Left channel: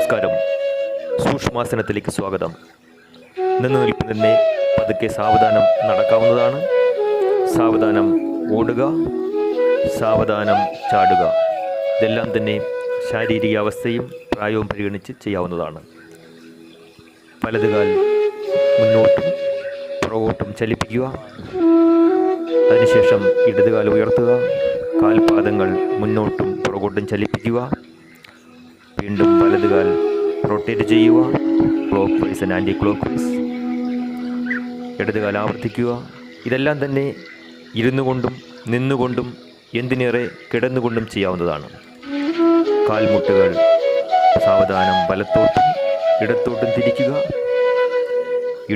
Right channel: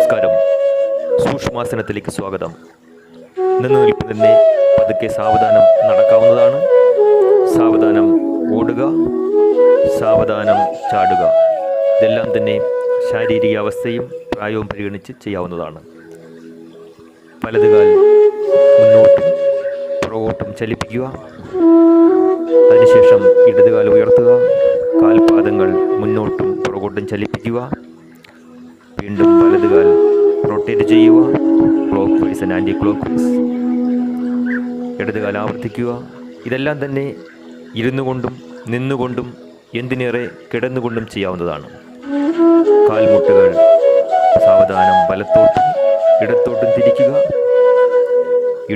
നമസ്കാരം. സൂക്ഷ്മാസനത്തിലേക്ക് സ്വാഗതം. നിന്ന് നിൽപ്പ് തന്നെ പതുക്കെ സാവധാനം നടക്കാവുന്നതാണ്. സാവധാനം ഓടുക, സാവധാനം ചാടുക. ഇതെല്ലാം തന്നെ ശാരീരിക അവസ്ഥയും പ്രായവും പരിഗണിച്ച് ചെയ്യാവുന്നതാണ്. വലതുകാൽ മുന്നോട്ടും പുറകോട്ടും ചലിപ്പിക്കുക. അതിനുശേഷം ഇടതുകാൽ ഉയർത്തുക. കാൽപാദങ്ങൾ മുന്നോട്ടും പുറകോട്ടും ചലിപ്പിക്കുക. വീണ്ടും വലതുകാൽ റൊട്ടേറ്റ് ചെയ്യുക, clockwise and anticlockwise. ഇടതുകാൽ ആവർത്തിക്കുക. ഇതെല്ലാം തന്നെ ഇരുന്നു കൊണ്ടും നിന്നുകൊണ്ടും എന്തിനേറെ കിടന്നുകൊണ്ടും ചെയ്യാവുന്നതാണ്. കാൽമുട്ടുകൾ സാവധാനം വലത്തോട്ടും ഇടത്തോട്ടും തിരിക്കുക.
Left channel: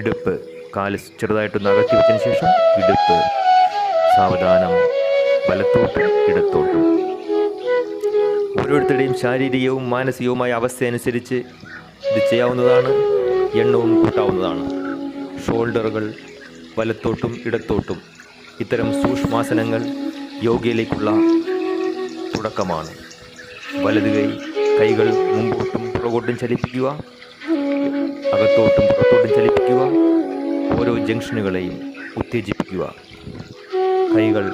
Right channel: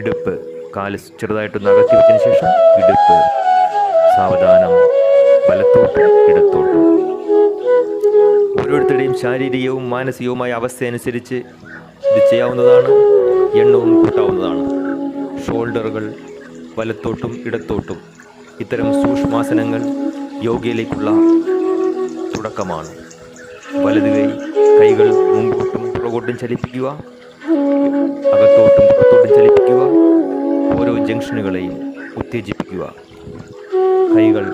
ഇടുപ്പ് കാല് ചെറുതായിട്ടൊന്ന് അകത്തി വെച്ചതിന് ശേഷം ഇടുപ്പ് സാവധാനം വലത്തോട്ടും ഇടത്തോട്ടും. ഓരോരുത്തരുടെയും ശാരീരികവും മാനസികവുമായ അവസ്ഥ അനുസരിച്ച് ഇത് ചെയ്യാവുന്നതാണ്. എണ്ണവും കൂട്ടാവുന്നതാണ്. ഷോൾഡറുകൾ വലത്തോട്ടും ഇടത്തോട്ടും. ഇത്തരം സൂക്ഷ്മാസനങ്ങൾ യോഗയിലേക്കുള്ള തുടക്കമാണ്. വലത് കൈകൾ മുമ്പോട്ടും പുറകോട്ടും ചലിപ്പിക്കുക, അകത്തോട്ടും പുറത്തോട്ടും ചലിപ്പിക്കുക. ഓരോ ജംഗ്ഷനുകളെയും ഉത്തേജിപ്പിക്കുക. കൈകൾ,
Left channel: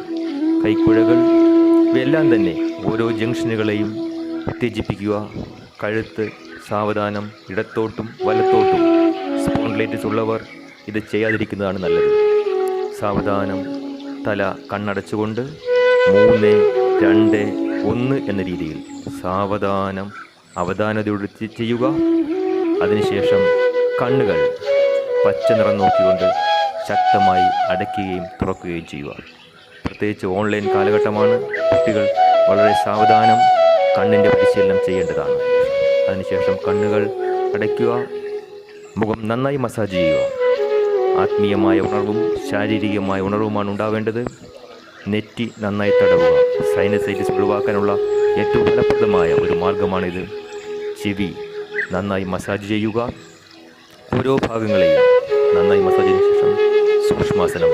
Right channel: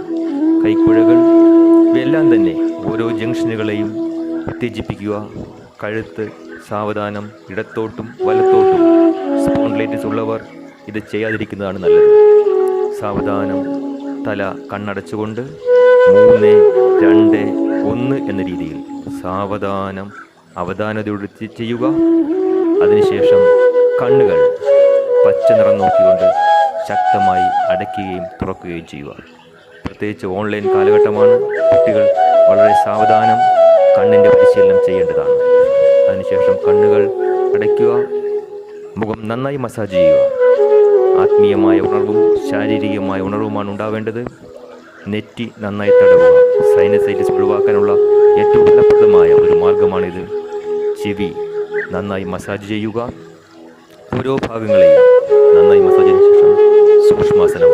കൈക്കുഴകൾ ഇവയെല്ലാം തന്നെ ഓരോ ജംഗ്ഷനുകളെയും ഉത്തേജിപ്പിക്കുക. കഴുത്ത് സാവധാനം ഇടത്തോട്ടും വലത്തോട്ടും. സ്പോണ്ടിലൈറ്റിസ് ഉള്ളവർ ഇത് ചെയ്യാതിരിക്കുന്നതാണ് നല്ലത്. സാവധാനം തല കണ്ണടച്ചുകൊണ്ട് 3, 2, 1 എന്ന രീതിയിൽ സാവധാനം അവധാനതയോടെ ചെയ്യുക. അതിനുശേഷം കണ്ണുകൾ പച്ച നിറം നോക്കിക്കൊണ്ട് ശക്തമായി അടയ്ക്കുകയും തുറക്കുകയും ചെയ്യുക. പ്രത്യേകിച്ച് ഓൺലൈൻ കാലഘട്ടമാണ്. കുട്ടികൾ വളരെ സാവധാനം കണ്ണിൻ്റെ പരിശീലനം ചെയ്യേണ്ടതാണ്. അതിനുശേഷം കണ്ണുകൾ അടയ്ക്കുക. മുഖം നന്നായി മസാജ് ചെയ്യുക. ആത്മീയമായ ഉണർവും ശാരീരികമായ ഉണർവുമാണ് ഉണ്ടാവേണ്ടത്. നെറ്റി നന്നായി തടവുക. സൈനസൈറ്റിസ് ഒഴിവാക്കാനുള്ള ഏറ്റവും ഫലപ്രദമായ ഒരു മാർഗമാണിത്. ചെവി നന്നായി മസാജ് ചെയ്യുക. ഓരോ ഭാഗങ്ങളെയും നന്നായി മസാജ് ചെയ്തതിനു ശേഷം സൂക്ഷ്മാസനം